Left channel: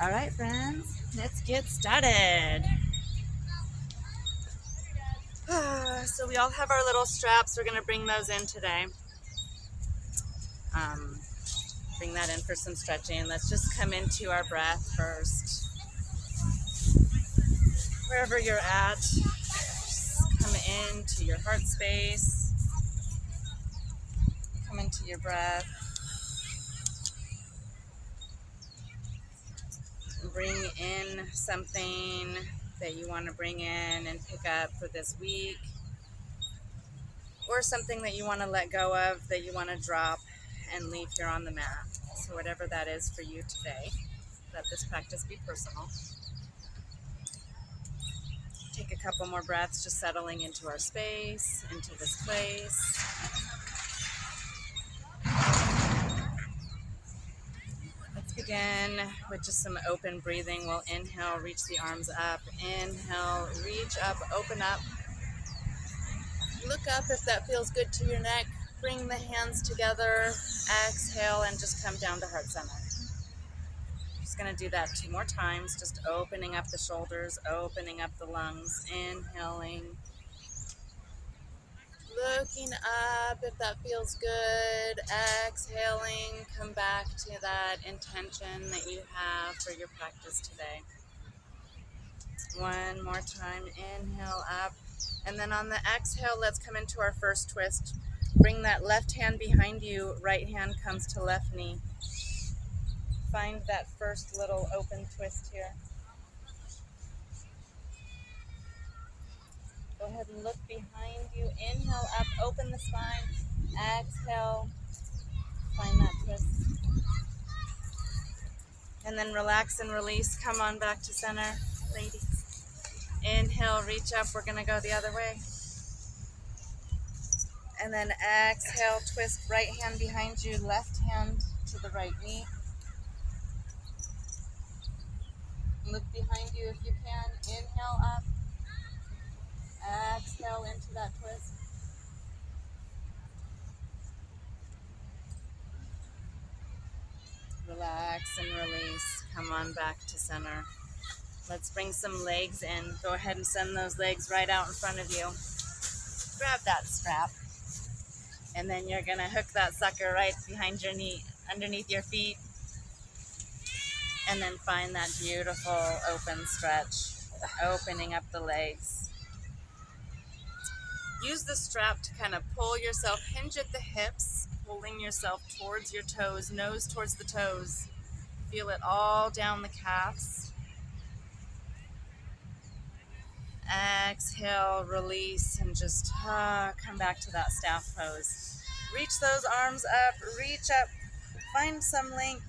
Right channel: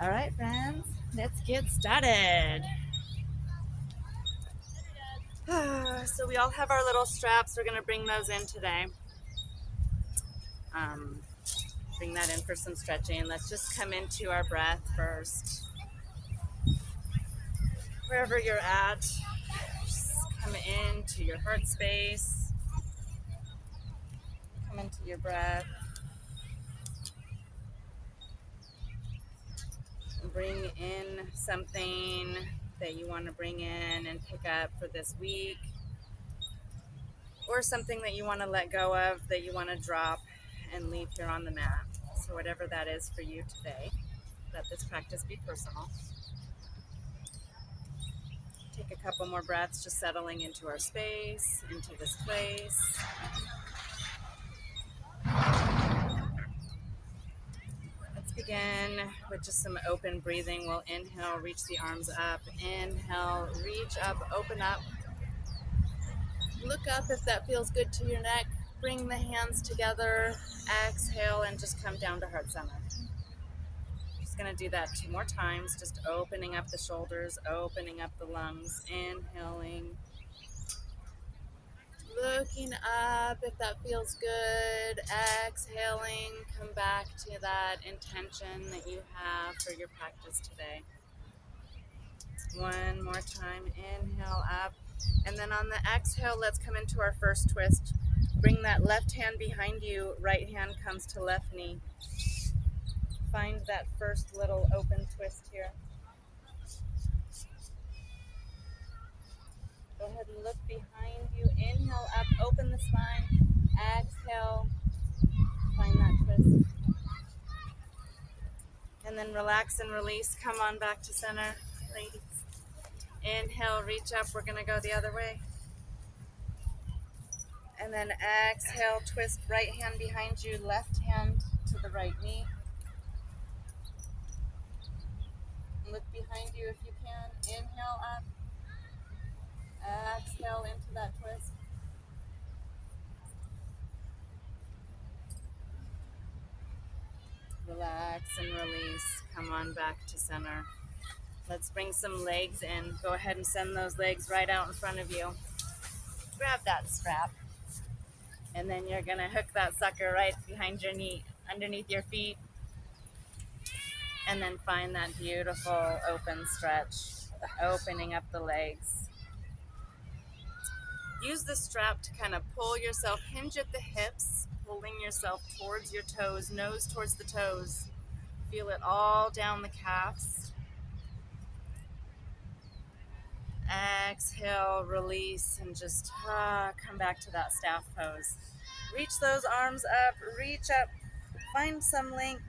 All right, friends, let's get started. So we all have our little straps. We're going to bring those in today. Bring that in for some stretching. Let's just come into our breath first. Wherever you're at, just come into your heart space. Come into your breath. Bring in something that you want to bring in and pick up for this week, or something that you want to let go of, that you want to drop and leave here on the mat. So whatever that is for you today, let this practice be personal. Take a couple more breaths, just settling into our space, into this place. Let's begin with just some open breathing. We'll inhale, reach the arms up. Inhale, reach up, open up. Look up if that feels good to your neck. Bring the hands together. Exhale and just come down to heart center. Just going to do that 2 more times. Just opening up the shoulders, opening up the lungs. Inhaling. Looking up if that feels good. Exhaling. Come back to that intention that you have for your practice today. 1 more time. Inhale up. And then on the exhale, let's come into our first twist. Bring that left hand behind you. Right hand comes to left knee. Find that first little open twist here. Go ahead and look behind you. Inhale up, open the spine. Exhale, find that twist. And then relax and release. Come on back to center, ladies. Inhale, reach up. We're going to go the other way. And then exhale, twist, right hand behind you, left hand to the right knee. Look behind you if you can. Inhale up. Exhale into that twist. Relax and release. Come on back to center. Let's bring some legs in. Go ahead and send those legs right out in front of you. Grab that strap. And then you're going to hook that sucker right behind your knee, underneath your feet. And then find that beautiful open stretch, opening up the legs. Use the strap to kind of pull yourself, hinge at the hips, pulling yourself towards your toes, nose towards the toes. Feel it all down the calves. Exhale, release, and just come back to that staff pose. Reach those arms up, reach up, find some length.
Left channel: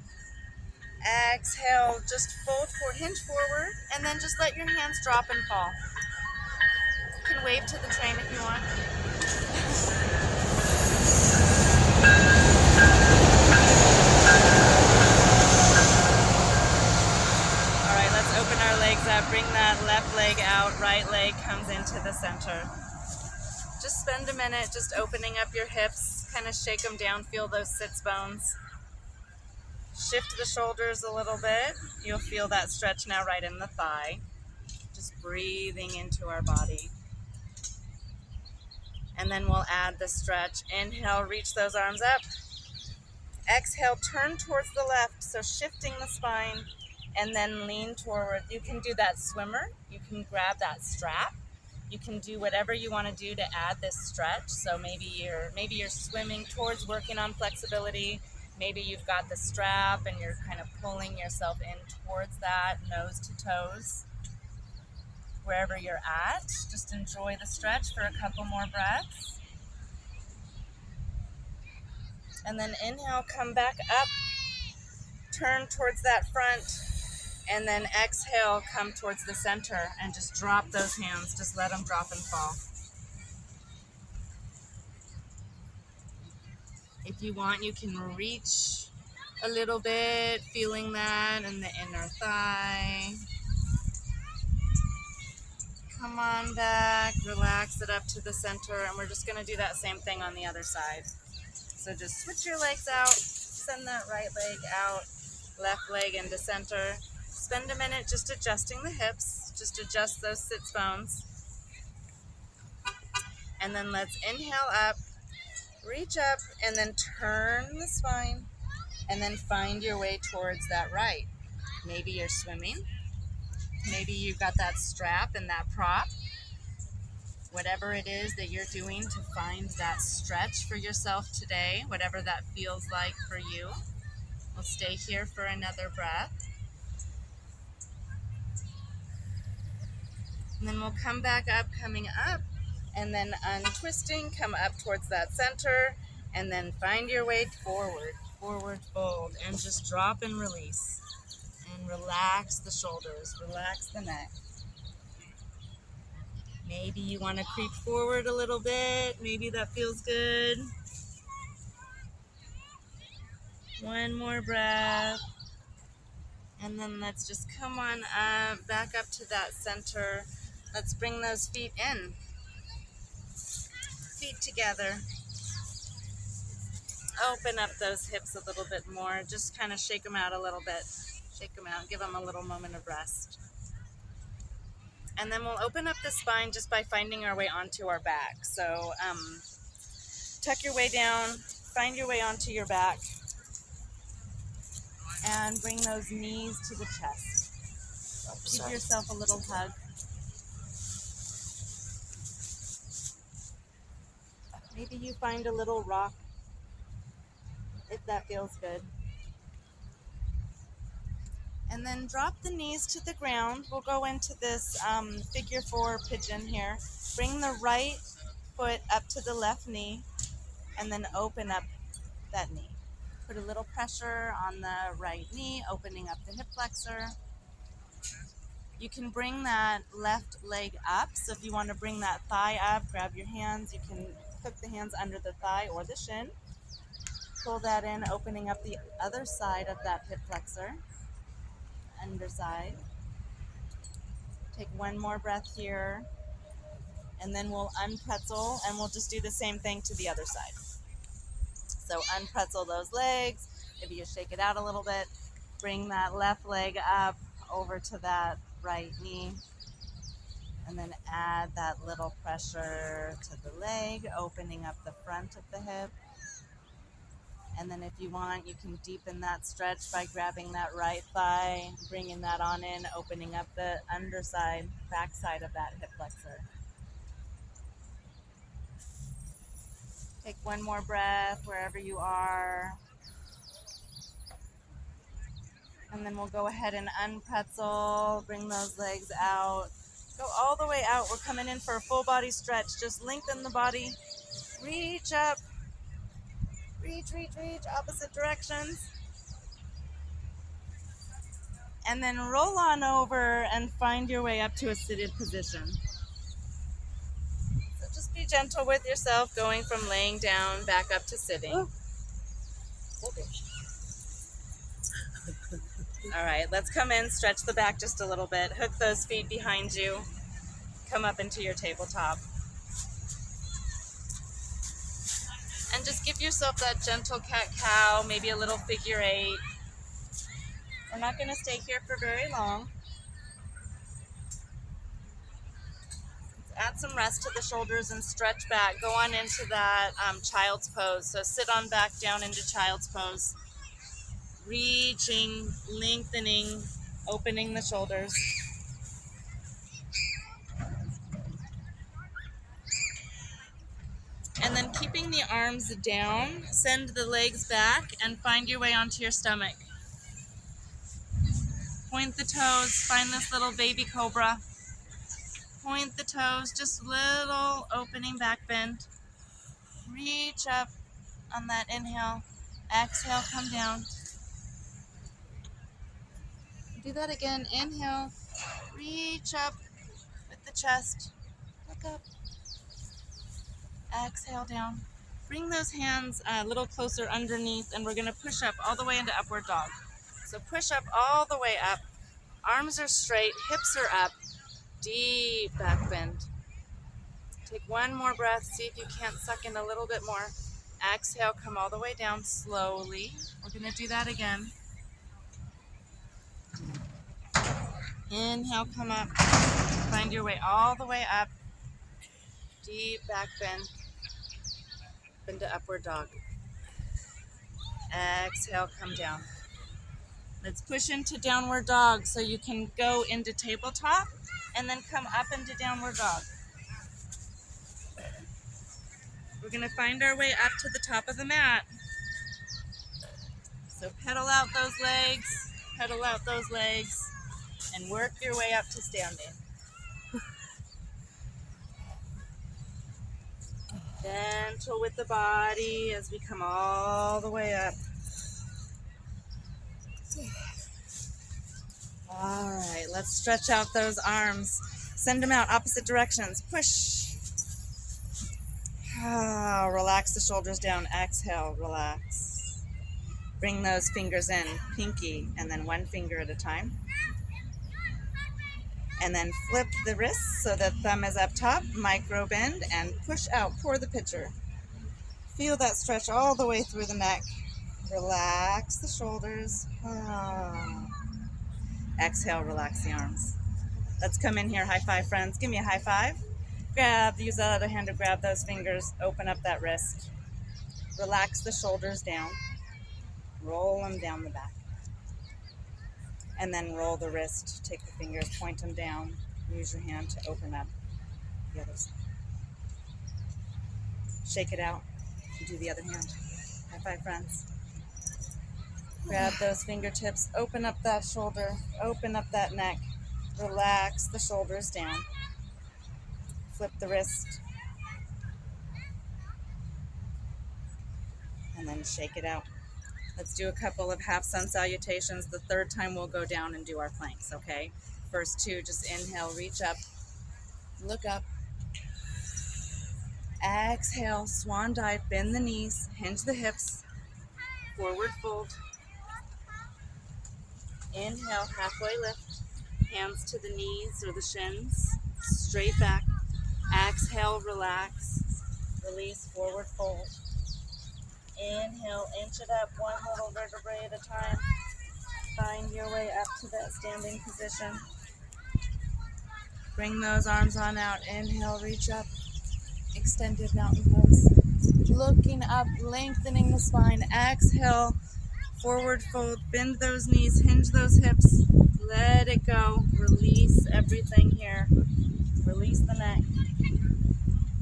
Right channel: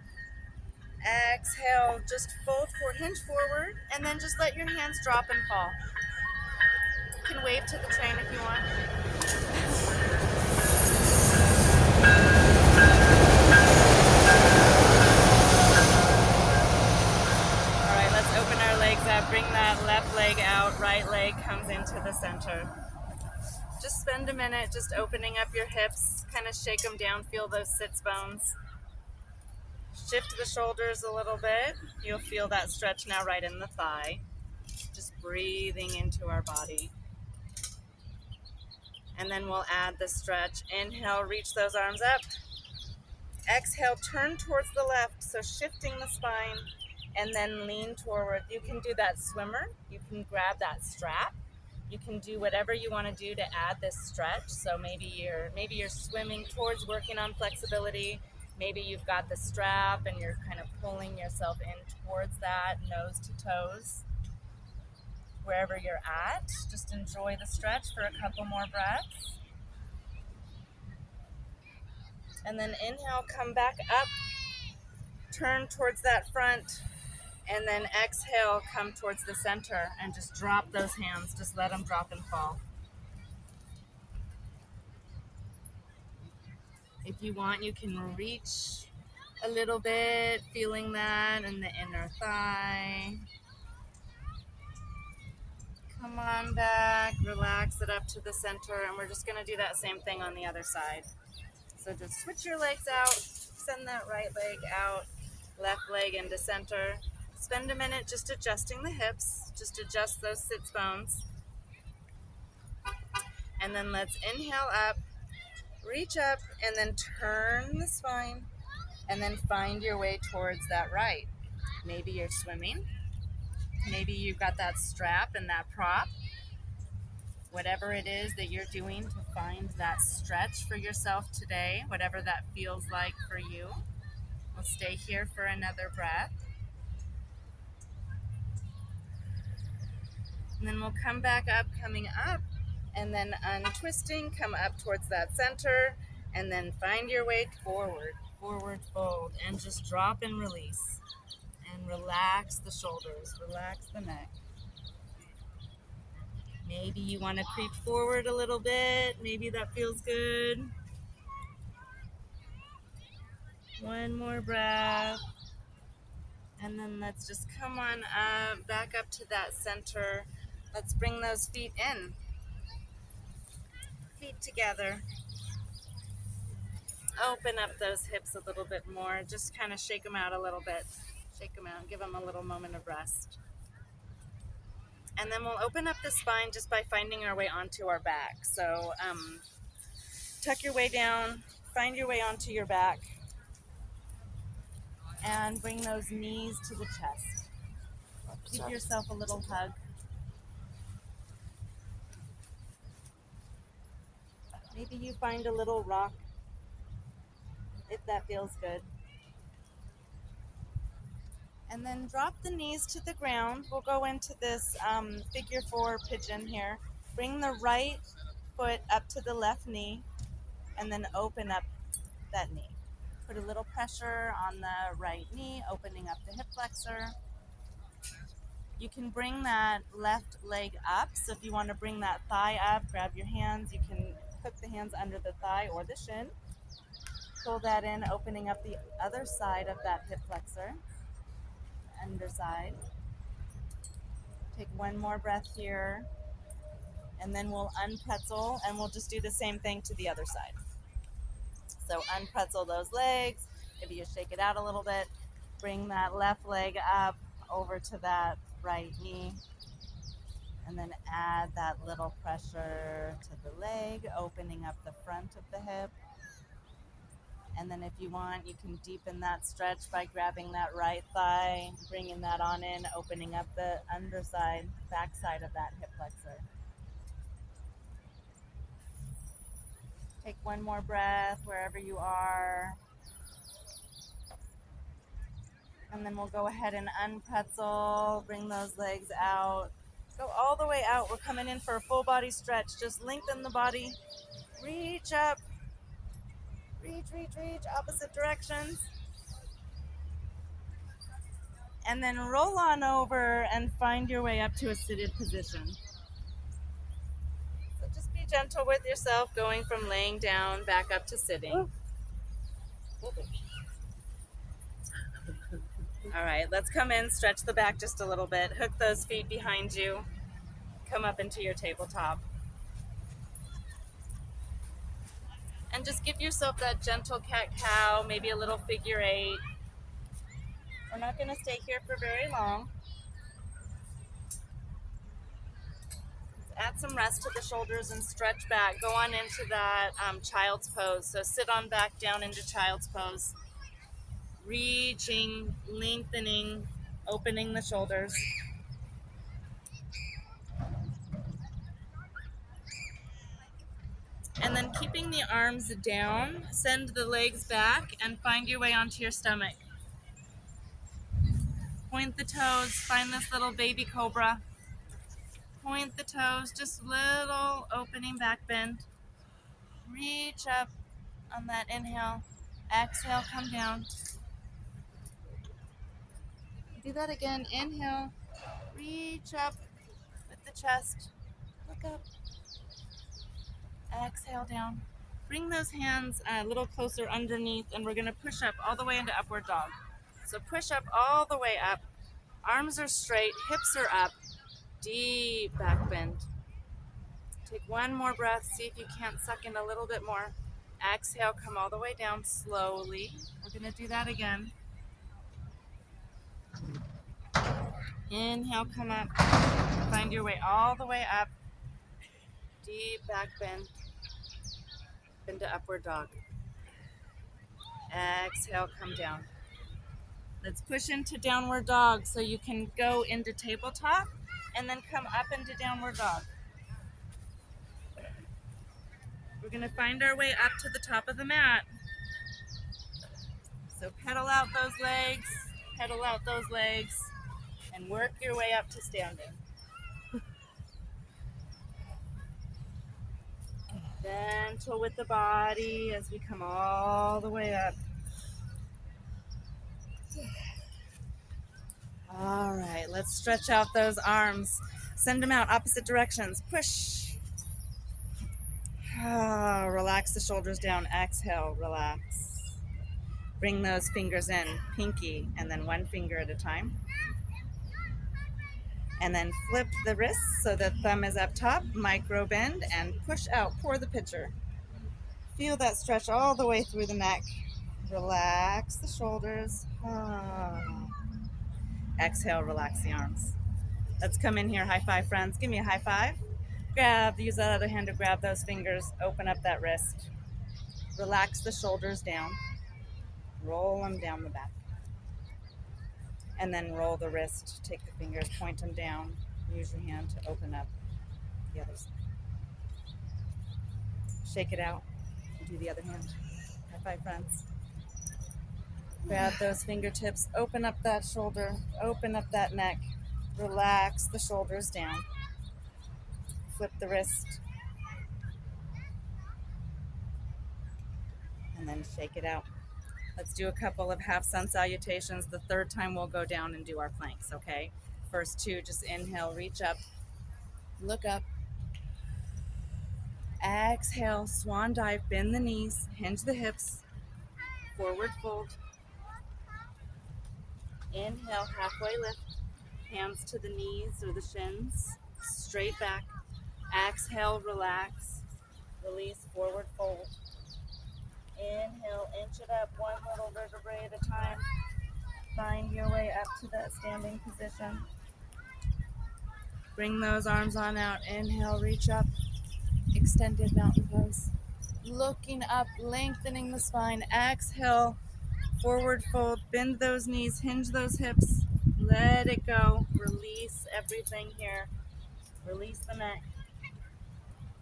Exhale, just fold forward, hinge forward, and then just let your hands drop and fall. You can wave to the train if you want. All right, let's open our legs up. Bring that left leg out, right leg comes into the center. Just spend a minute just opening up your hips, kind of shake them down, feel those sits bones. Shift the shoulders a little bit. You'll feel that stretch now right in the thigh. Just breathing into our body. And then we'll add the stretch. Inhale, reach those arms up. Exhale, turn towards the left, so shifting the spine, and then lean forward. You can do that swimmer. You can grab that strap. You can do whatever you want to do to add this stretch. So maybe you're swimming towards working on flexibility. Maybe you've got the strap and you're kind of pulling yourself in towards that, nose to toes. Wherever you're at, just enjoy the stretch for a couple more breaths. And then inhale, come back up, turn towards that front, and then exhale, come towards the center and just drop those hands. Just let them drop and fall. If you want, you can reach a little bit, feeling that in the inner thigh. Come on back, relax it up to the center, and we're just going to do that same thing on the other side. So just switch your legs out, send that right leg out, left leg into center. spend a minute just adjusting the hips. Just adjust those sits bones. And then let's inhale up, reach up, and then turn the spine, and then find your way towards that right. Maybe you're swimming. Maybe you've got that strap and that prop. Whatever it is that you're doing to find that stretch for yourself today, whatever that feels like for you. We'll stay here for another breath. And then we'll come back up, coming up, and then untwisting, come up towards that center, and then find your way forward, forward fold, and just drop and release. And relax the shoulders, relax the neck. Maybe you want to creep forward a little bit. Maybe that feels good. One more breath. And then let's just come on up, back up to that center. Let's bring those feet in. Feet together. Open up those hips a little bit more. Just kind of shake them out a little bit. Shake them out. Give them a little moment of rest. And then we'll open up the spine just by finding our way onto our back. So tuck your way down. Find your way onto your back. And bring those knees to the chest. Give yourself a little hug. Maybe you find a little rock, if that feels good. And then drop the knees to the ground. We'll go into this figure 4 pigeon here. Bring the right foot up to the left knee, and then open up that knee. Put a little pressure on the right knee, opening up the hip flexor. You can bring that left leg up. So if you want to bring that thigh up, grab your hands. You can hook the hands under the thigh or the shin. Pull that in, opening up the other side of that hip flexor. Underside. Take one more breath here. And then we'll unpretzel, and we'll just do the same thing to the other side. So unpretzel those legs. Maybe you shake it out a little bit. Bring that left leg up over to that right knee. And then add that little pressure to the leg, opening up the front of the hip. And then if you want, you can deepen that stretch by grabbing that right thigh, bringing that on in, opening up the underside, backside of that hip flexor. Take one more breath wherever you are. And then we'll go ahead and unpretzel, bring those legs out. Go all the way out. We're coming in for a full body stretch. Just lengthen the body. Reach up. Reach, reach, reach. Opposite directions. And then roll on over and find your way up to a seated position. So just be gentle with yourself, going from laying down back up to sitting. Okay. All right, let's come in, stretch the back just a little bit. Hook those feet behind you. Come up into your tabletop. And just give yourself that gentle cat-cow, maybe a little figure 8. We're not going to stay here for very long. Let's add some rest to the shoulders and stretch back. Go on into that child's pose. So sit on back down into child's pose. Reaching, lengthening, opening the shoulders. And then keeping the arms down, send the legs back and find your way onto your stomach. Point the toes, find this little baby cobra. Point the toes, just little opening back bend. Reach up on that inhale. Exhale, come down. Do that again. Inhale, reach up with the chest. Look up. Exhale down. Bring those hands a little closer underneath, and we're going to push up all the way into upward dog. So push up all the way up. Arms are straight, hips are up. Deep back bend. Take one more breath. See if you can't suck in a little bit more. Exhale, come all the way down slowly. We're going to do that again. Inhale, come up. Find your way all the way up. Deep back bend. Into upward dog. Exhale, come down. Let's push into downward dog so you can go into tabletop and then come up into downward dog. We're going to find our way up to the top of the mat. So pedal out those legs, and work your way up to standing. Gentle with the body as we come all the way up. All right, let's stretch out those arms. Send them out opposite directions. Push. Relax the shoulders down. Exhale, relax. Bring those fingers in, pinky, and then one finger at a time. And then flip the wrists so the thumb is up top, micro bend, and push out, pour the pitcher. Feel that stretch all the way through the neck. Relax the shoulders. Exhale, relax the arms. Let's come in here, high five, friends. Give me a high five. Use that other hand to grab those fingers, open up that wrist. Relax the shoulders down. Roll them down the back. And then roll the wrist. Take the fingers, point them down. Use your hand to open up the other side. Shake it out. Do the other hand. High five, friends. Grab those fingertips. Open up that shoulder. Open up that neck. Relax the shoulders down. Flip the wrist. And then shake it out. Let's do a couple of half sun salutations. The third time we'll go down and do our planks, okay? First two, just inhale, reach up, look up. Exhale, swan dive, bend the knees, hinge the hips, forward fold. Inhale, halfway lift, hands to the knees or the shins, straight back. Exhale, relax, release, forward fold. Inhale, inch it up, one little vertebrae at a time. Find your way up to that standing position. Bring those arms on out. Inhale, reach up. Extended mountain pose. Looking up, lengthening the spine. Exhale, forward fold. Bend those knees, hinge those hips. Let it go. Release everything here. Release the neck.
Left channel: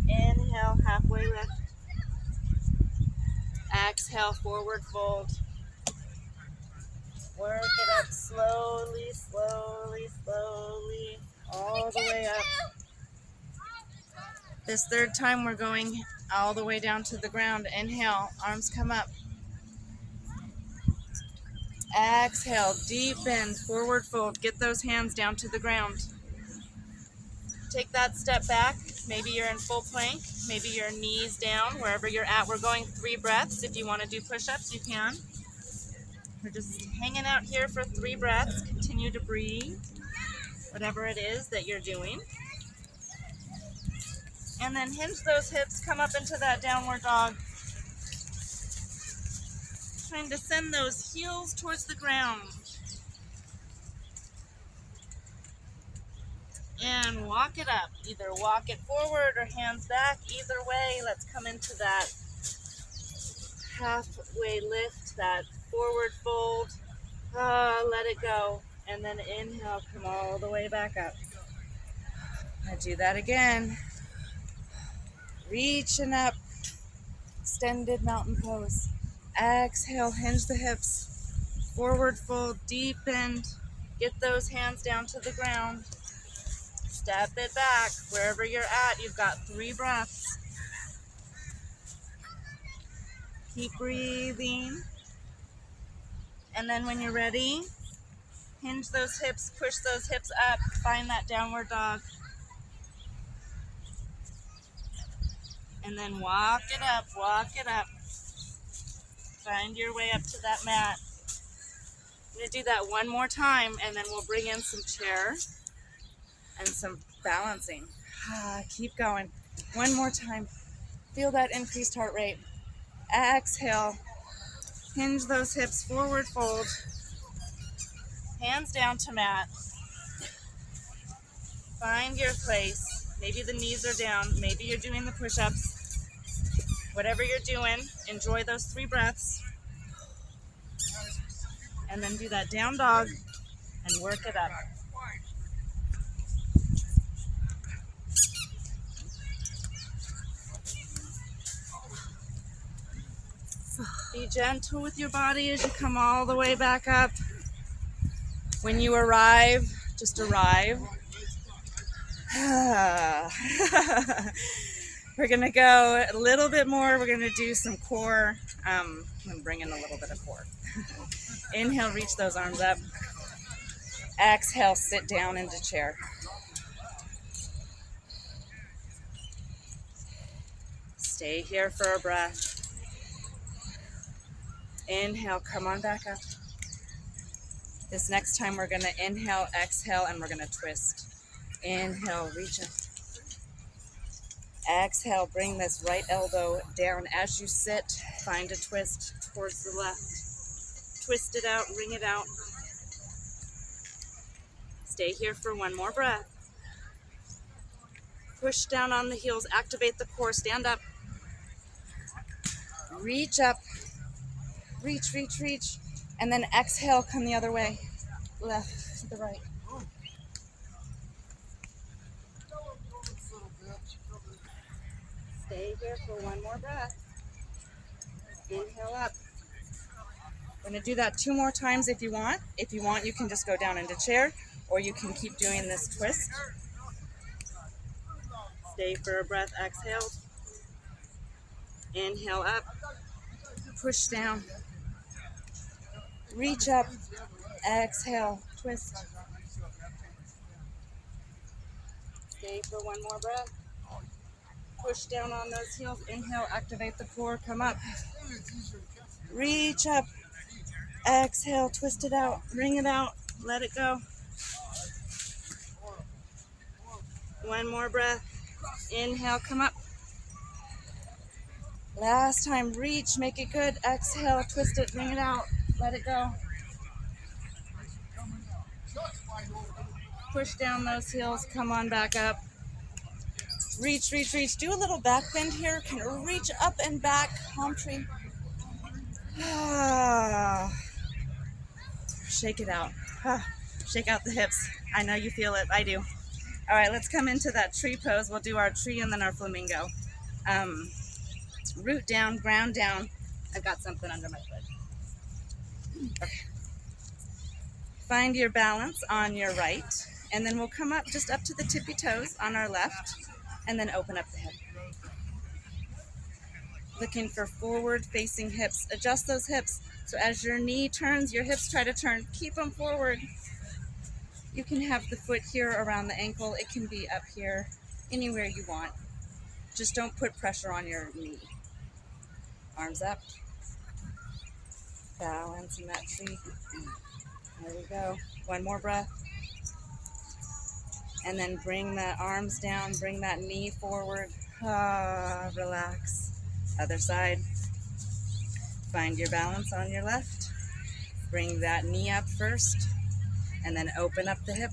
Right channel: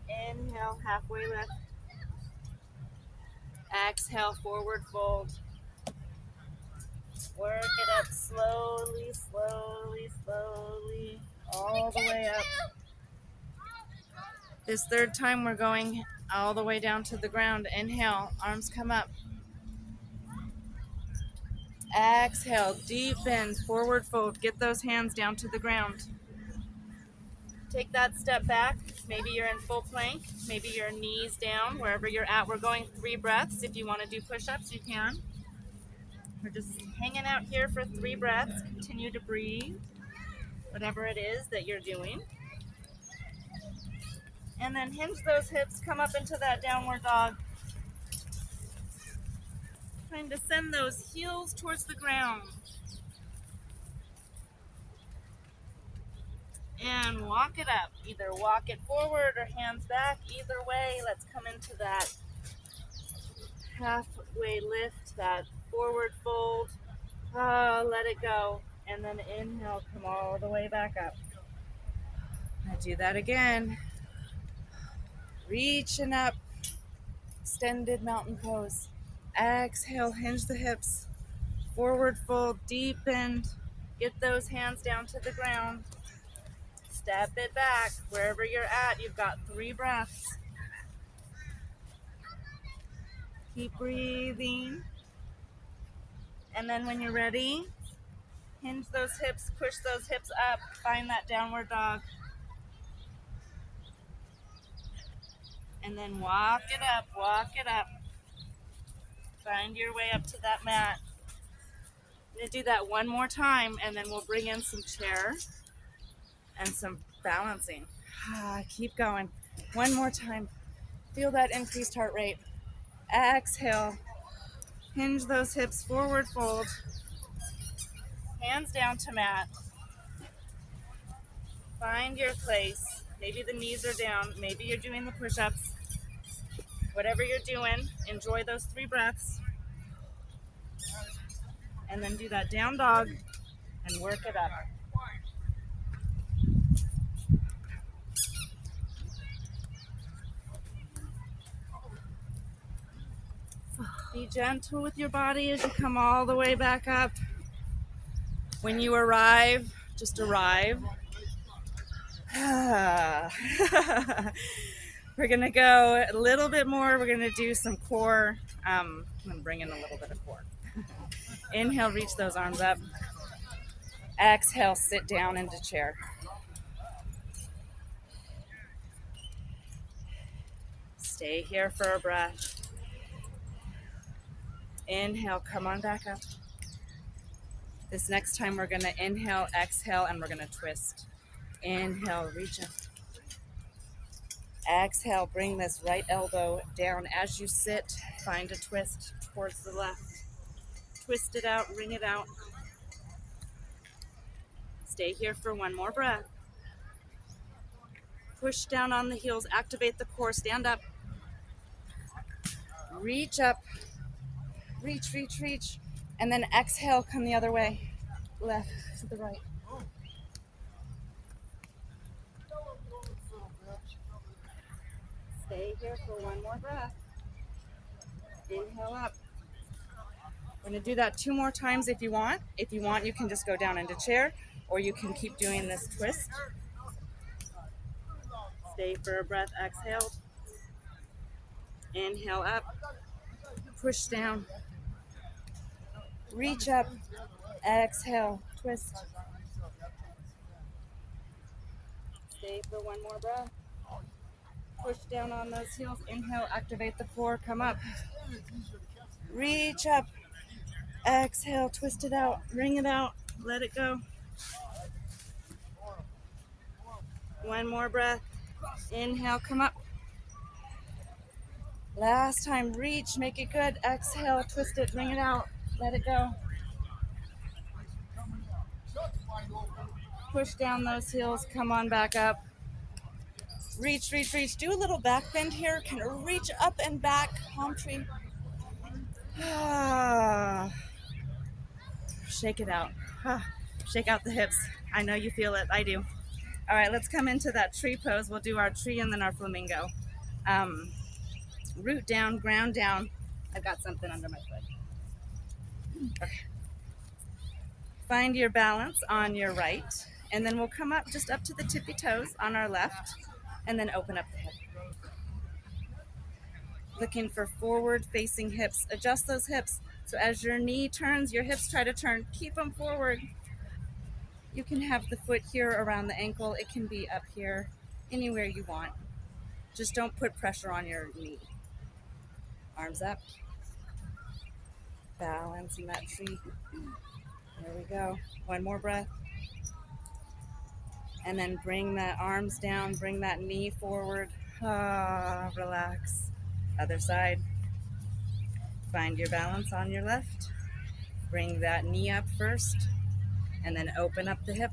Inhale, halfway lift. Exhale, forward fold. Work it up slowly, slowly, slowly, all the way up. This third time we're going all the way down to the ground. Inhale, arms come up. Exhale, deepen, forward fold. Get those hands down to the ground. Take that step back. Maybe you're in full plank. Maybe your knees down, wherever you're at. We're going 3 breaths. If you want to do push-ups, you can. We're just hanging out here for 3 breaths. Continue to breathe, whatever it is that you're doing. And then hinge those hips, come up into that downward dog. Trying to send those heels towards the ground. And walk it up. Either walk it forward or hands back. Either way, let's come into that halfway lift, that forward fold. Let it go. And then inhale, come all the way back up. I do that again. Reaching up. Extended mountain pose. Exhale, hinge the hips. Forward fold, deep bend. Get those hands down to the ground. Step it back. Wherever you're at, you've got 3 breaths. Keep breathing. And then when you're ready, hinge those hips, push those hips up, find that downward dog. And then walk it up, walk it up. Find your way up to that mat. I'm going to do that one more time, and then we'll bring in some chair and some balancing. Keep going. One more time. Feel that increased heart rate. Exhale. Hinge those hips, forward fold. Hands down to mat. Find your place. Maybe the knees are down. Maybe you're doing the push-ups. Whatever you're doing, enjoy those 3 breaths. And then do that down dog and work it up. Be gentle with your body as you come all the way back up. When you arrive, just arrive. We're gonna go a little bit more. We're gonna do some core. I'm gonna bring in a little bit of core. Inhale, reach those arms up. Exhale, sit down into chair. Stay here for a breath. Inhale, come on back up. This next time we're gonna inhale, exhale, and we're gonna twist. Inhale, reach up. Exhale, bring this right elbow down. As you sit, find a twist towards the left. Twist it out, wring it out. Stay here for one more breath. Push down on the heels, activate the core, stand up. Reach up, reach, reach, reach. And then exhale, come the other way. Left to the right. Stay here for one more breath. Inhale up. We're gonna do that 2 more times if you want. If you want, you can just go down into chair, or you can keep doing this twist. Stay for a breath, exhale. Inhale up, push down. Reach up, exhale, twist. Stay for one more breath. Push down on those heels, inhale, activate the core, come up. Reach up, exhale, twist it out, wring it out, let it go. One more breath. Inhale, come up. Last time, reach, make it good. Exhale, twist it, wring it out, let it go. Push down those heels, come on back up. Reach, reach, reach. Do a little back bend here. Can reach up and back, palm tree. Shake it out. Shake out the hips. I know you feel it. I do. All right, let's come into that tree pose. We'll do our tree and then our flamingo. Root down, ground down. I've got something under my foot. Okay. Find your balance on your right, and then we'll come up just up to the tippy toes on our left, and then open up the hip. Looking for forward facing hips. Adjust those hips. So as your knee turns, your hips try to turn. Keep them forward. You can have the foot here around the ankle. It can be up here, anywhere you want. Just don't put pressure on your knee. Arms up. Balance in that tree. There we go. One more breath. And then bring that arms down, bring that knee forward. Relax. Other side. Find your balance on your left. Bring that knee up first, and then open up the hip.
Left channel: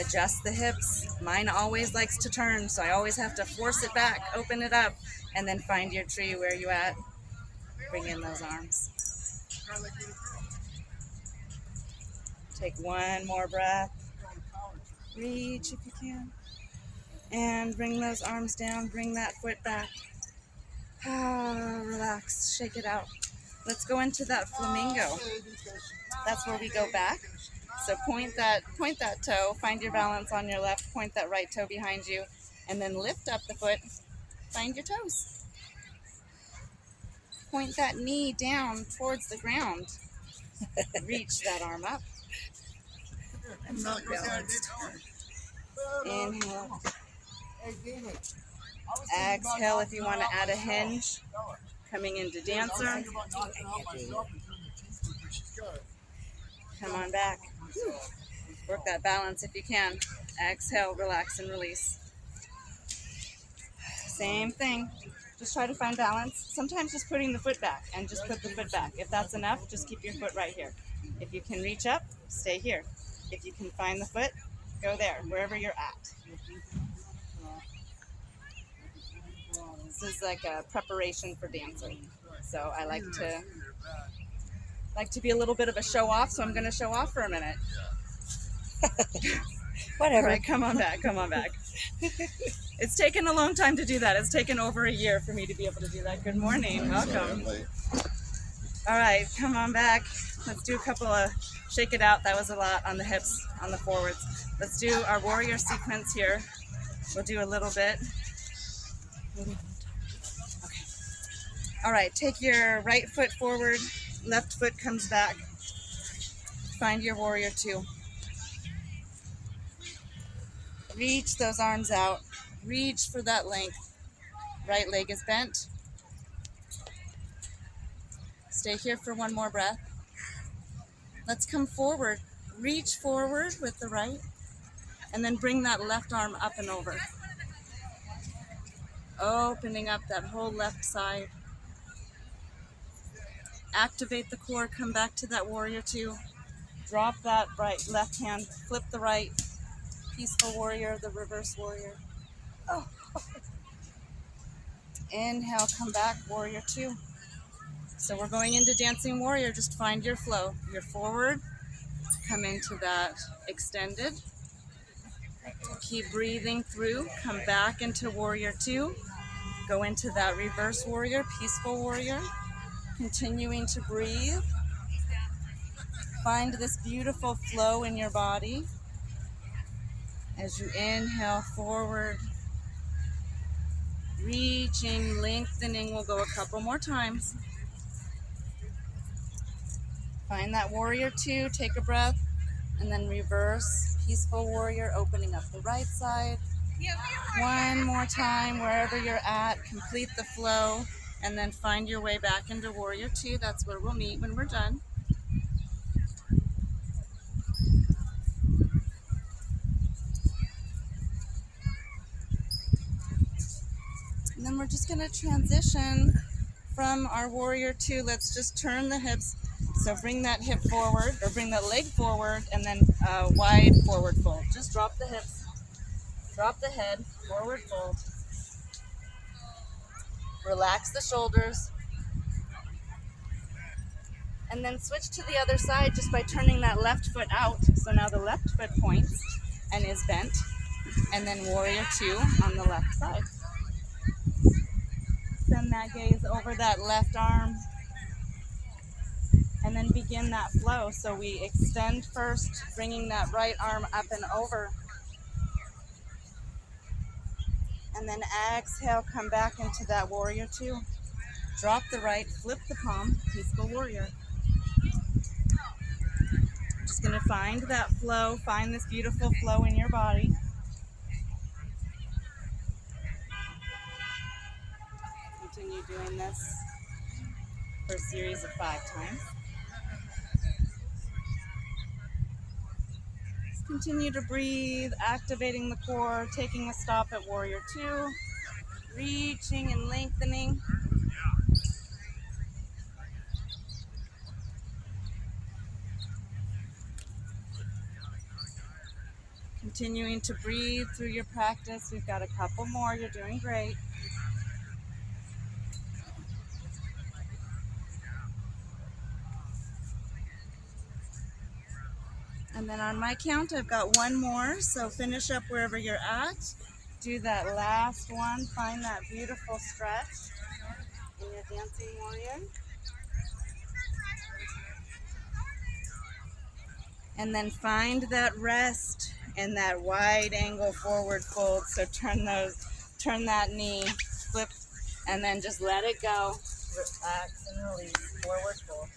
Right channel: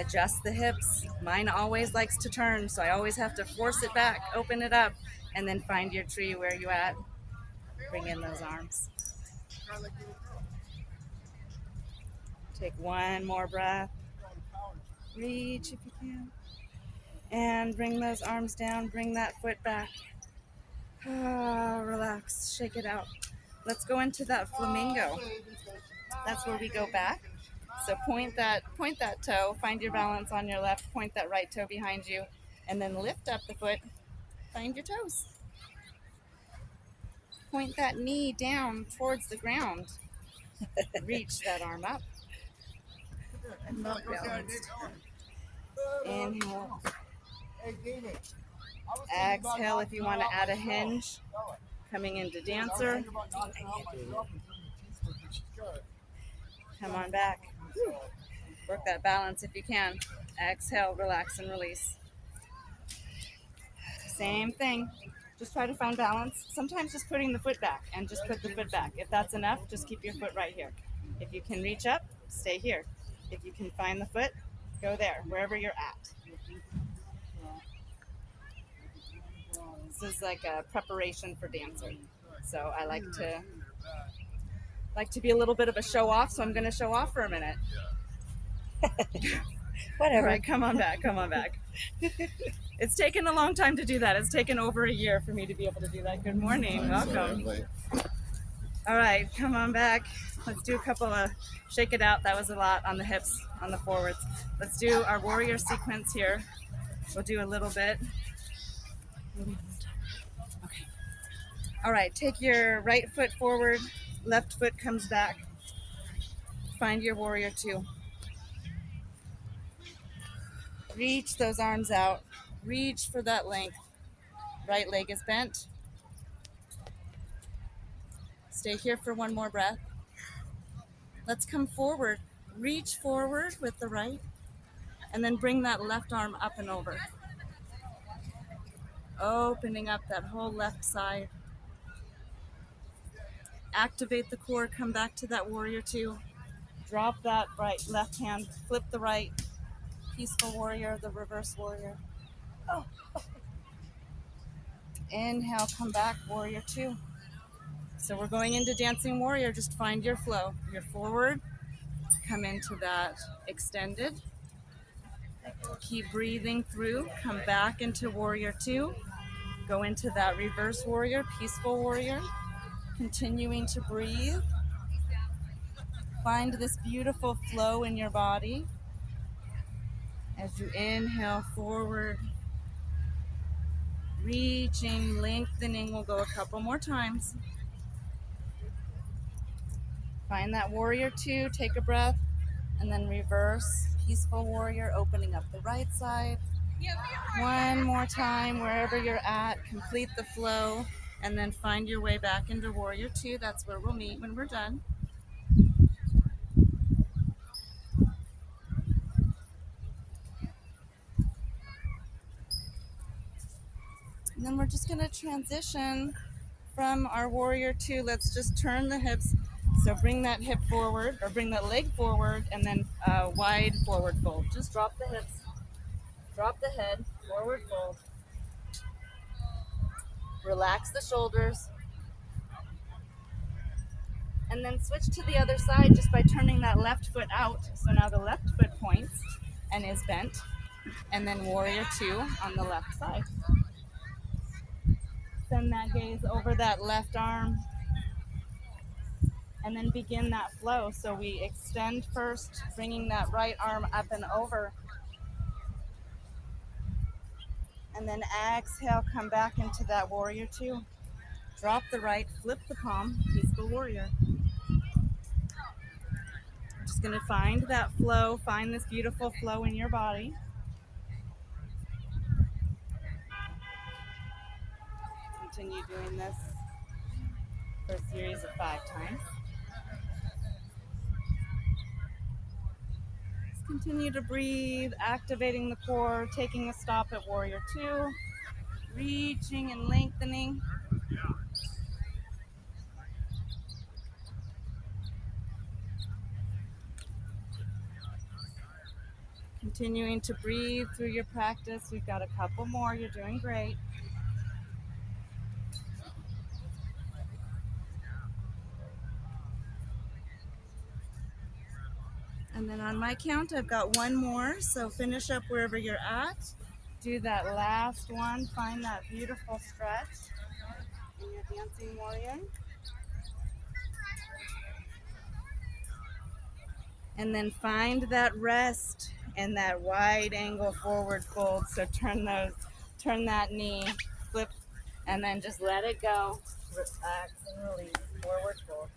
Adjust the hips. Mine always likes to turn, so I always have to force it back, open it up, and then find your tree where you at. Bring in those arms. Take one more breath. Reach if you can. And bring those arms down, bring that foot back. Relax, shake it out. Let's go into that flamingo. That's where we go back. So point that toe, find your balance on your left, point that right toe behind you, and then lift up the foot, find your toes. Point that knee down towards the ground. Reach that arm up. I'm not balanced. Inhale. Exhale if you want to add a hinge. Coming into dancer. Come on back. Work that balance if you can. Exhale, relax and release. Same thing. Just try to find balance. Sometimes just putting the foot back and just put the foot back. If that's enough, just keep your foot right here. If you can reach up, stay here. If you can find the foot, Go there, wherever you're at. This is like a preparation for dancer. So I like to be a little bit of a show off, so I'm going to show off for a minute. Whatever. All right, come on back. It's taken a long time to do that. It's taken over a year for me to be able to do that. Good morning. Welcome. All right, come on back. Let's do a couple of shake it out. That was a lot on the hips, on the forwards. Let's do our warrior sequence here. We'll do a little bit. Okay. All right, take your right foot forward, left foot comes back. Find your warrior two. Reach those arms out. Reach for that length. Right leg is bent. Stay here for one more breath. Let's come forward. Reach forward with the right, and then bring that left arm up and over. Opening up that whole left side. Activate the core, come back to that warrior two. Drop that right left hand, flip the right. Peaceful warrior, the reverse warrior. Inhale, come back, warrior two. So we're going into dancing warrior. Just find your flow. You're forward, come into that extended. Keep breathing through, come back into warrior two. Go into that reverse warrior, peaceful warrior. Continuing to breathe. Find this beautiful flow in your body. As you inhale forward, reaching, lengthening. We'll go a couple more times. Find that warrior two, take a breath, and then reverse, peaceful warrior, opening up the right side. One more time, wherever you're at, complete the flow, and then find your way back into warrior two. That's where we'll meet when we're done. And then we're just going to transition from our warrior two. Let's just turn the hips. So bring that hip forward, or bring that leg forward, and then wide forward fold. Just drop the hips, drop the head, forward fold. Relax the shoulders. And then switch to the other side just by turning that left foot out. So now the left foot points and is bent. And then warrior two on the left side. Send that gaze over that left arm. And then begin that flow. So we extend first, bringing that right arm up and over. And then exhale, come back into that warrior two. Drop the right, flip the palm, peaceful warrior. Just going to find that flow, find this beautiful flow in your body. Continue doing this for a series of 5 times. Just continue to breathe, activating the core, taking a stop at warrior two, reaching and lengthening. Continuing to breathe through your practice. We've got a couple more. You're doing great. And then on my count, I've got one more. So finish up wherever you're at. Do that last one. Find that beautiful stretch in your dancing warrior. And then find that rest and that wide angle forward fold. So turn that knee, flip, and then just let it go. Relax and release, forward fold.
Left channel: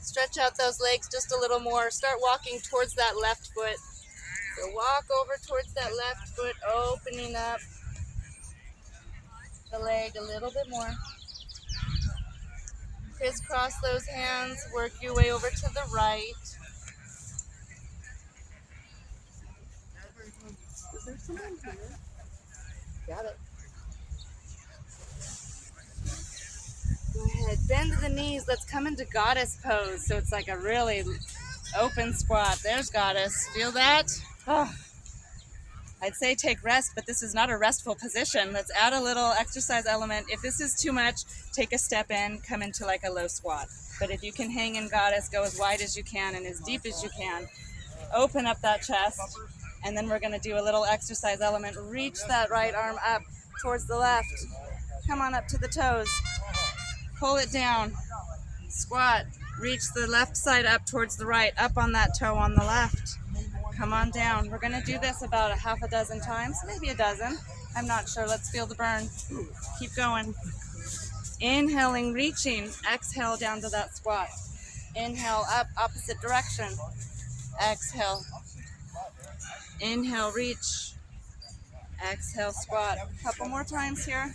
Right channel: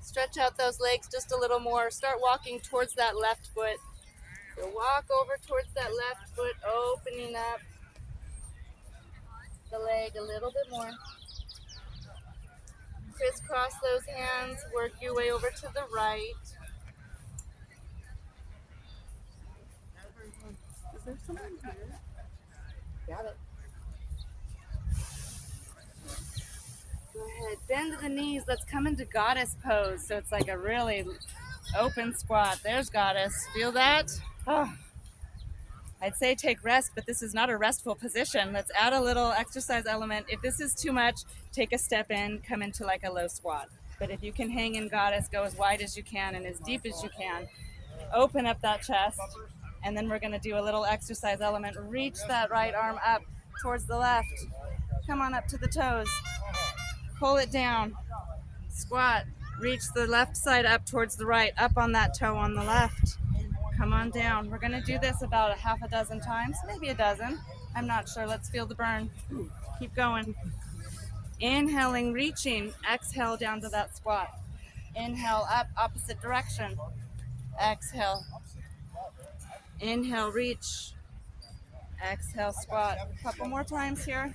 Stretch out those legs just a little more. Start walking towards that left foot. So walk over towards that left foot, opening up the leg a little bit more. Crisscross those hands, work your way over to the right. Got it. Go ahead Good. Bend the knees. Let's come into goddess pose. So it's like a really open squat. There's goddess. Feel that? Oh. I'd say take rest, but this is not a restful position. Let's add a little exercise element. If this is too much, take a step in, come into like a low squat. But if you can hang in goddess, go as wide as you can and as deep as you can. Open up that chest, and then we're going to do a little exercise element. Reach that right arm up towards the left. Come on up to the toes. Pull it down. Squat. Reach the left side up towards the right, up on that toe on the left. Come on down. We're going to do this about a half a dozen times, maybe a dozen. I'm not sure. Let's feel the burn. Keep going. Inhaling, reaching. Exhale down to that squat. Inhale up, opposite direction. Exhale. Inhale, reach. Exhale, squat. A couple more times here.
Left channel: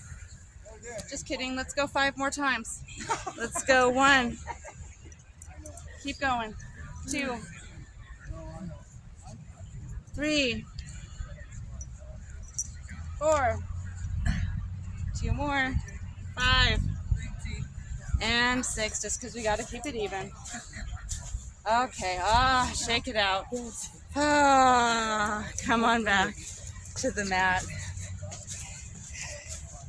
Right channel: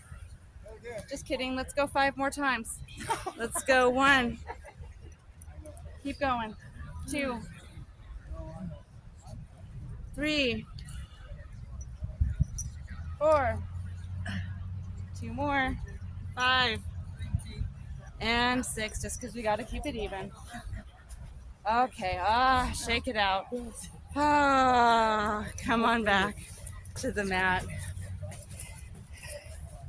Just kidding. Let's go 5 more times. Let's go 1. Keep going. 2. 3. 4. 2 more. 5. And 6, just because we got to keep it even. Okay. Shake it out. Come on back to the mat.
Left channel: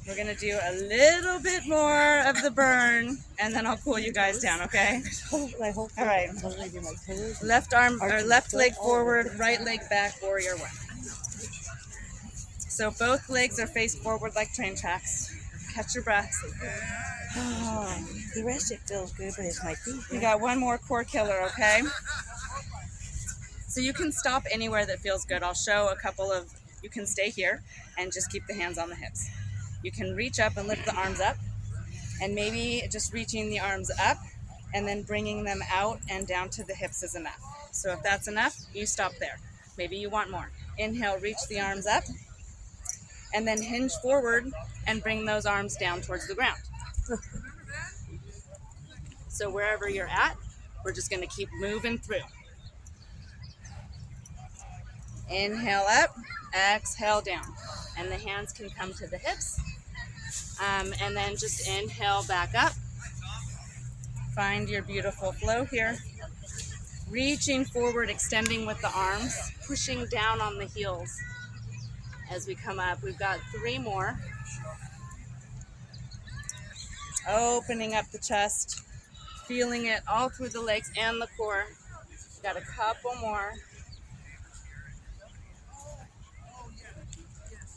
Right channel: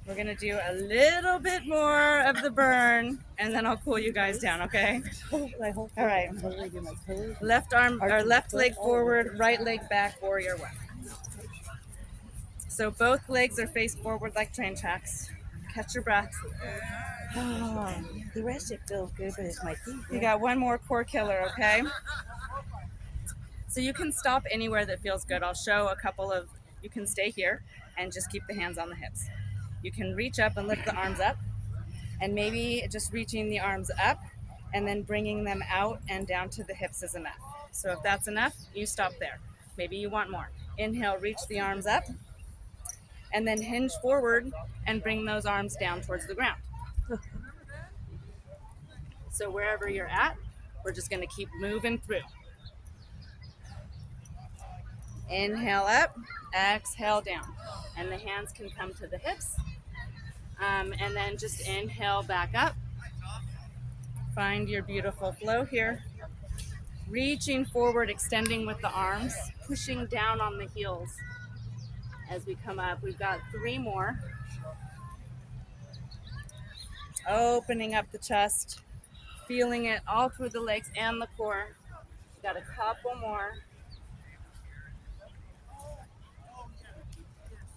We're going to do a little bit more of the burn, and then I'll cool you guys down, okay? All right. Left arm or left leg forward, right leg back, warrior 1. So both legs are faced forward like train tracks. Catch your breath. The rest it feels good, but it's my feet. You got 1 more core killer, okay? So you can stop anywhere that feels good. I'll show a couple of, you can stay here and just keep the hands on the hips. You can reach up and lift the arms up, and maybe just reaching the arms up and then bringing them out and down to the hips is enough. So if that's enough, you stop there. Maybe you want more. Inhale, reach the arms up, and then hinge forward and bring those arms down towards the ground. So wherever you're at, we're just going to keep moving through. Inhale up, exhale down. And the hands can come to the hips. And then just inhale back up. Find your beautiful flow here. Reaching forward, extending with the arms, pushing down on the heels as we come up. We've got 3 more. Opening up the chest, feeling it all through the legs and the core. We've got a couple more.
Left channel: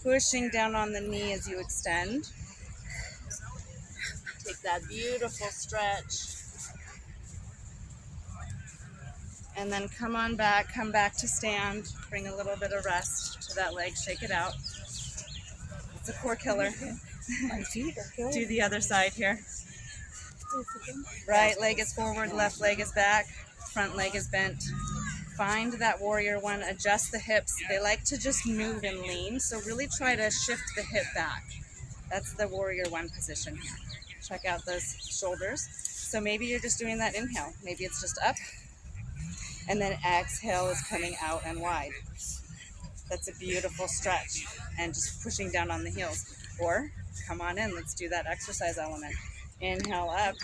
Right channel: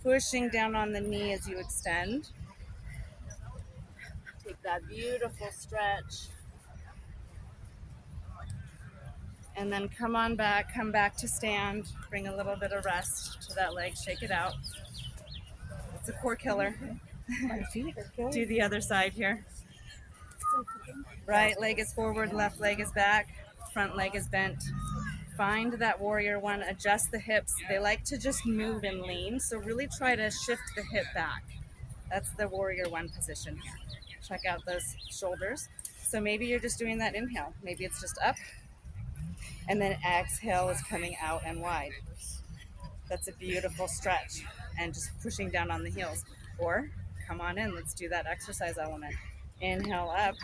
Pushing down on the knee as you extend. Take that beautiful stretch. And then come on back, come back to stand. Bring a little bit of rest to that leg, shake it out. It's a core killer. My feet are good. Do the other side here. Right leg is forward, left leg is back, front leg is bent. Find that warrior 1, adjust the hips. They like to just move and lean, so really try to shift the hip back. That's the warrior 1 position here. Check out those shoulders. So maybe you're just doing that inhale. Maybe it's just up, and then exhale is coming out and wide. That's a beautiful stretch, and just pushing down on the heels. Or come on in, let's do that exercise element. Inhale up,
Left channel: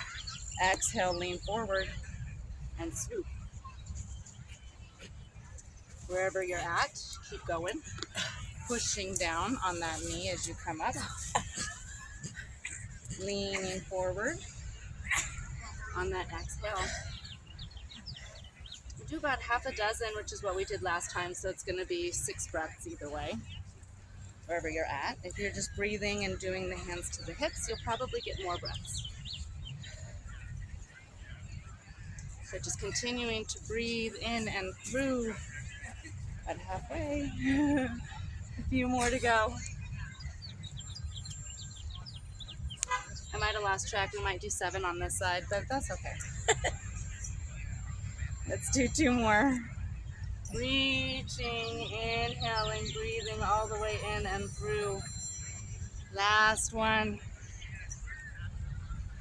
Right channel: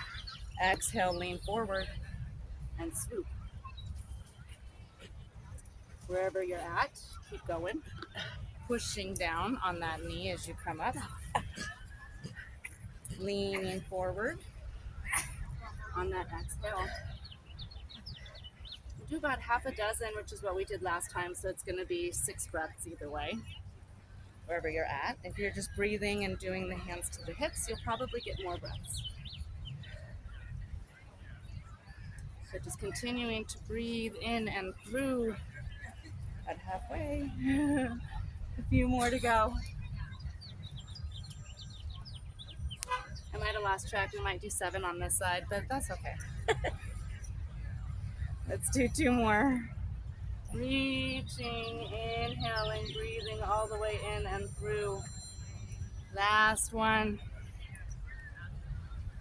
exhale, lean forward, and swoop. Wherever you're at, keep going. Pushing down on that knee as you come up. Leaning forward on that exhale. We do about half a dozen, which is what we did last time, so it's going to be 6 breaths either way. Wherever you're at. If you're just breathing and doing the hands to the hips, you'll probably get more breaths. So just continuing to breathe in and through. About halfway. A few more to go. I might have lost track. We might do 7 on this side, but that's okay. Let's do 2 more. Reaching, inhaling, breathing all the way in and through. Last one.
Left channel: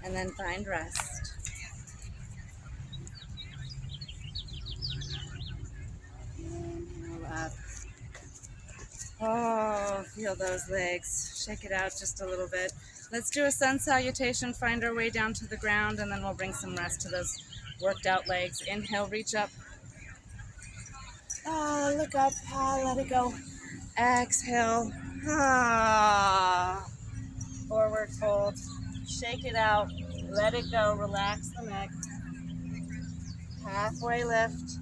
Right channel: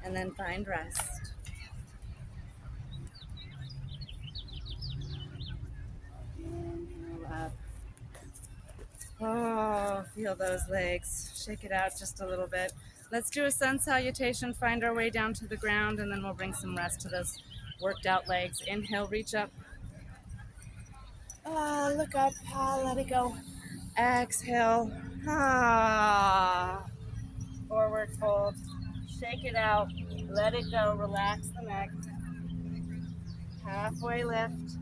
And then find rest. Inhale up. Oh, feel those legs. Shake it out just a little bit. Let's do a sun salutation, find our way down to the ground, and then we'll bring some rest to those worked out legs. Inhale, reach up. Look up. Let it go. Exhale. Forward fold. Shake it out. Let it go. Relax the neck. Halfway lift.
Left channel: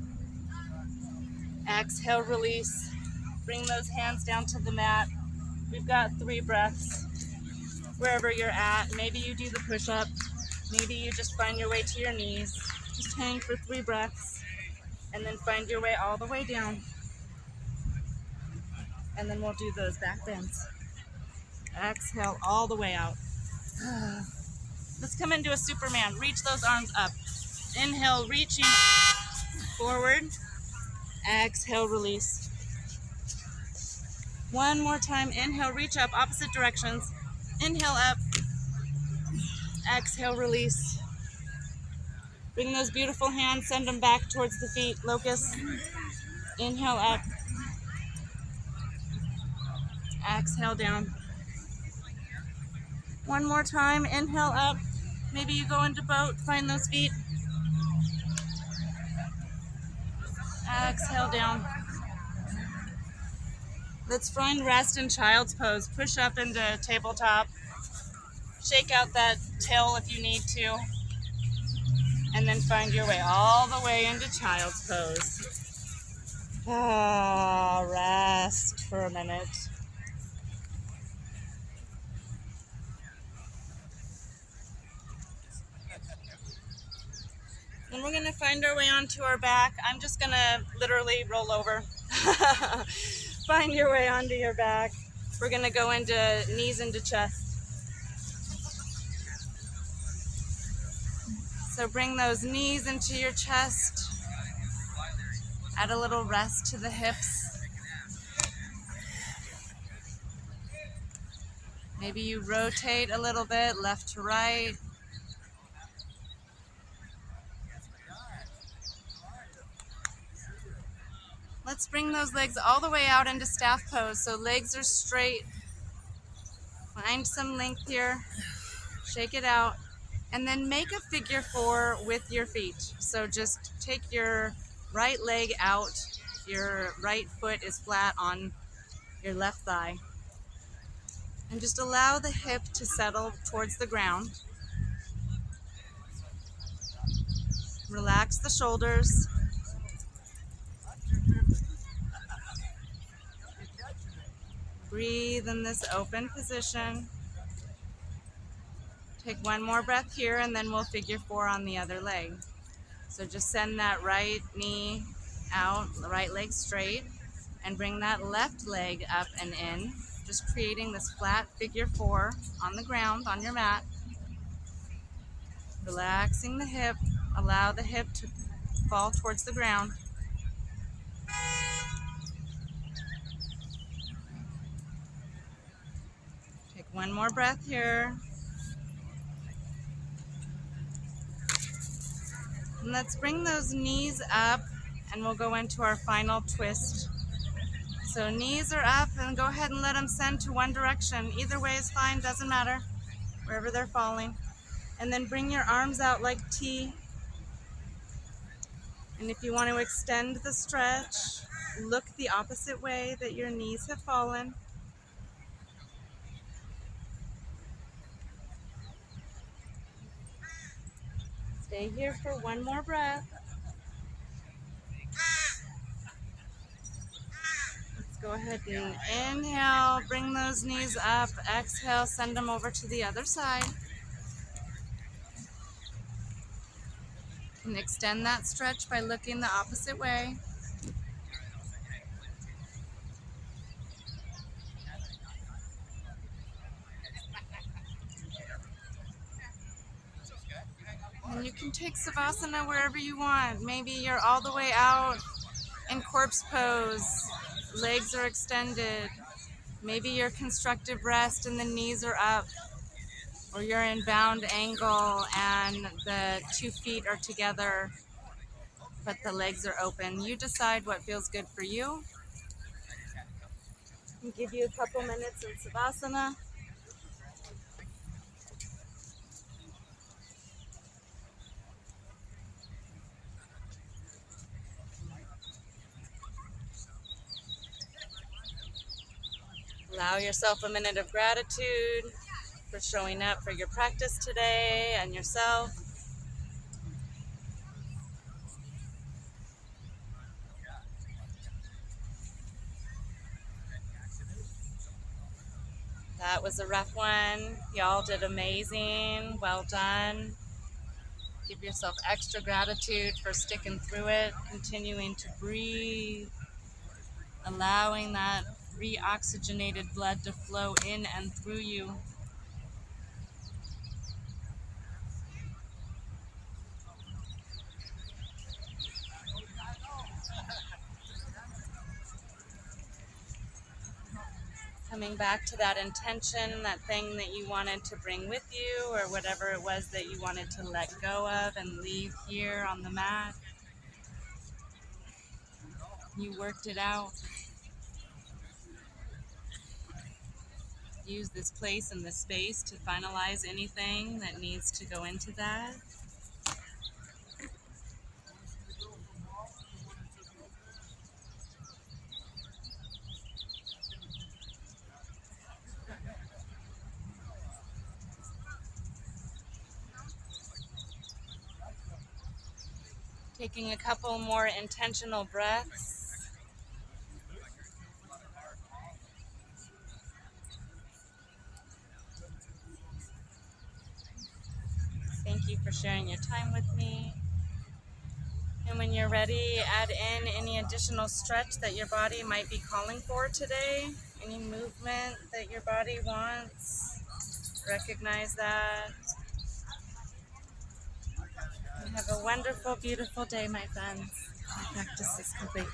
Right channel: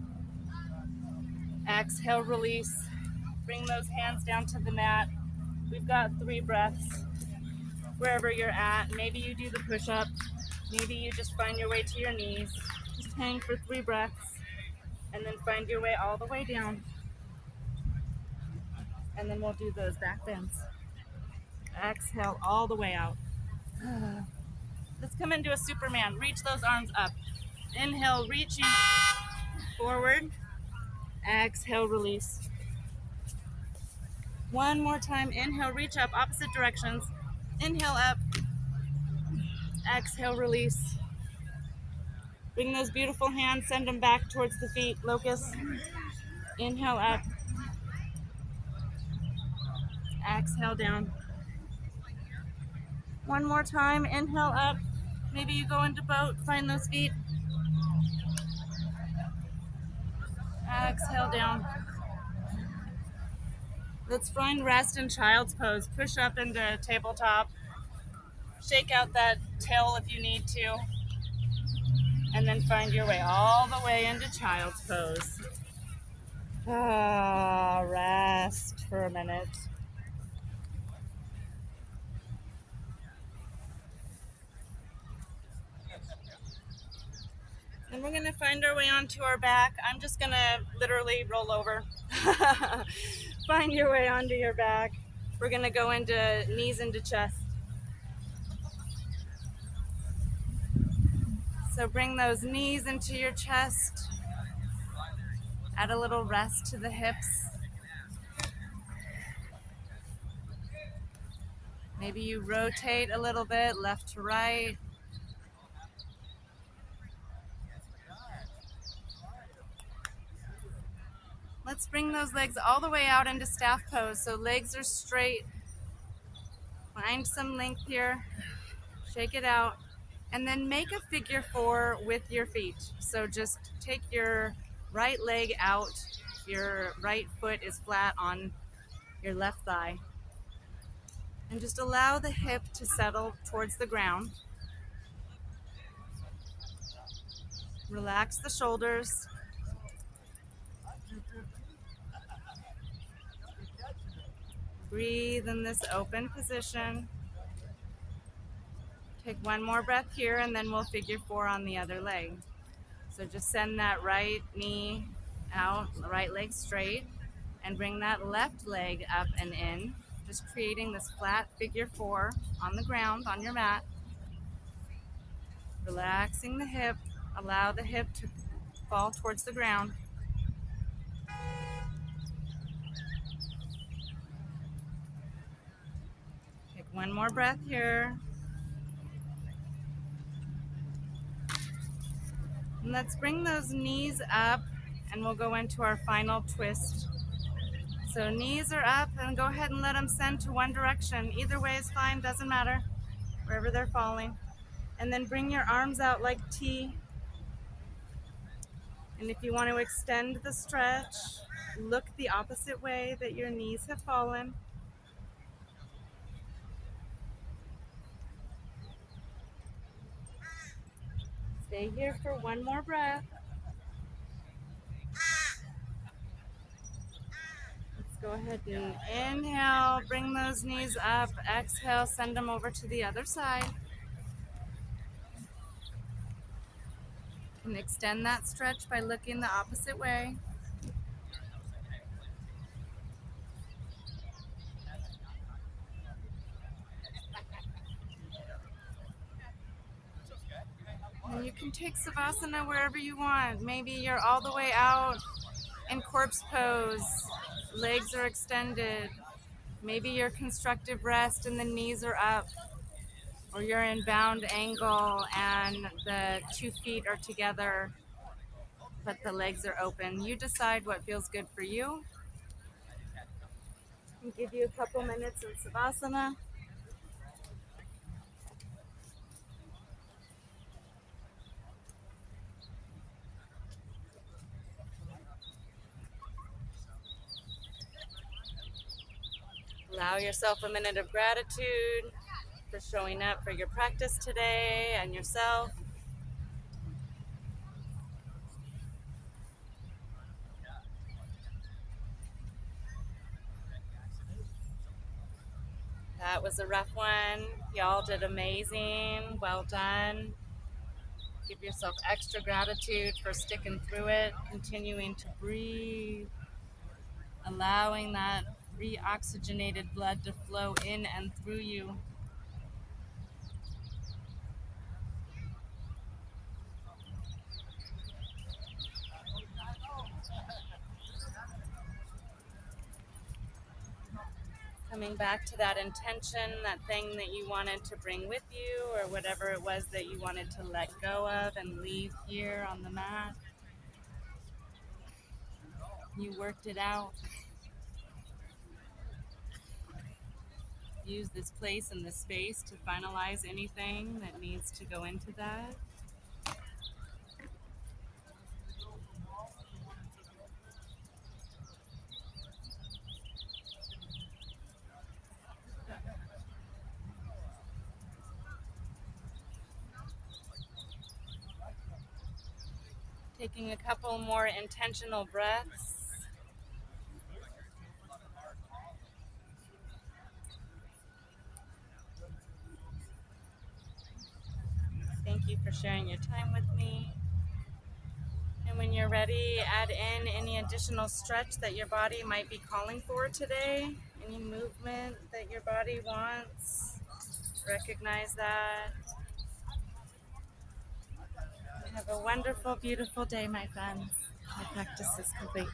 Exhale, release. Bring those hands down to the mat. We've got 3 breaths. Wherever you're at, maybe you do the push-up. Maybe you just find your way to your knees. Just hang for 3 breaths. And then find your way all the way down. And then we'll do those back bends. Exhale all the way out. Let's come into a Superman. Reach those arms up. Inhale, reaching forward. Exhale, release. One more time. Inhale, reach up, opposite directions. Inhale up. Exhale, release. Bring those beautiful hands, send them back towards the feet. Locust. Inhale up. Exhale down. One more time. Inhale up. Maybe you go into boat, find those feet. Exhale down. Let's find rest in child's pose. Push up into tabletop. Shake out that tail if you need to. And then find your way all the way into child's pose. Rest for a minute. And we're going to find our way onto our back. I'm just going to literally roll over. Find your way onto your back. We're going to go into knees into chest. So bring those knees into your chest. Add a little rest to the hips. Maybe you rotate a little bit, left to right. Let's bring those legs all the way out into staff pose. So legs are straight. Find some length here. Shake it out. And then make a figure 4 with your feet. So just take your right leg out. Your right foot is flat on your left thigh. And just allow the hip to settle towards the ground. Relax the shoulders. Breathe in this open position. Take one more breath here and then we'll figure 4 on the other leg. So just send that right knee out, the right leg straight, and bring that left leg up and in. Just creating this flat figure 4 on the ground, on your mat. Relaxing the hip. Allow the hip to fall towards the ground. Take one more breath here. And let's bring those knees up and we'll go into our final twist. So knees are up and go ahead and let them send to one direction. Either way is fine, doesn't matter, wherever they're falling. And then bring your arms out like T. And if you want to extend the stretch, look the opposite way that your knees have fallen. Stay here for one more breath. Let's go ahead and inhale, bring those knees up. Exhale, send them over to the other side. And extend that stretch by looking the opposite way. And you can take Savasana wherever you want. Maybe you're all the way out in corpse pose. Legs are extended. Maybe you're constructive rest and the knees are up. Or you're in bound angle and the 2 feet are together, but the legs are open. You decide what feels good for you. I'll give you a couple minutes in Savasana. Allow yourself a minute of gratitude for showing up for your practice today and yourself. That was a rough one. Y'all did amazing. Well done. Give yourself extra gratitude for sticking through it, continuing to breathe, allowing that reoxygenated blood to flow in and through you. Coming back to that intention, that thing that you wanted to bring with you, or whatever it was that you wanted to let go of and leave here on the mat. You worked it out. Use this place and this space to finalize anything that needs to go into that. Taking a couple more intentional breaths. Thank you for sharing your time with me. And when you're ready, add in any additional stretch that your body might be calling for today. Any movement that your body wants. Recognize that. And have a wonderful, beautiful day, my friends. My practice is complete.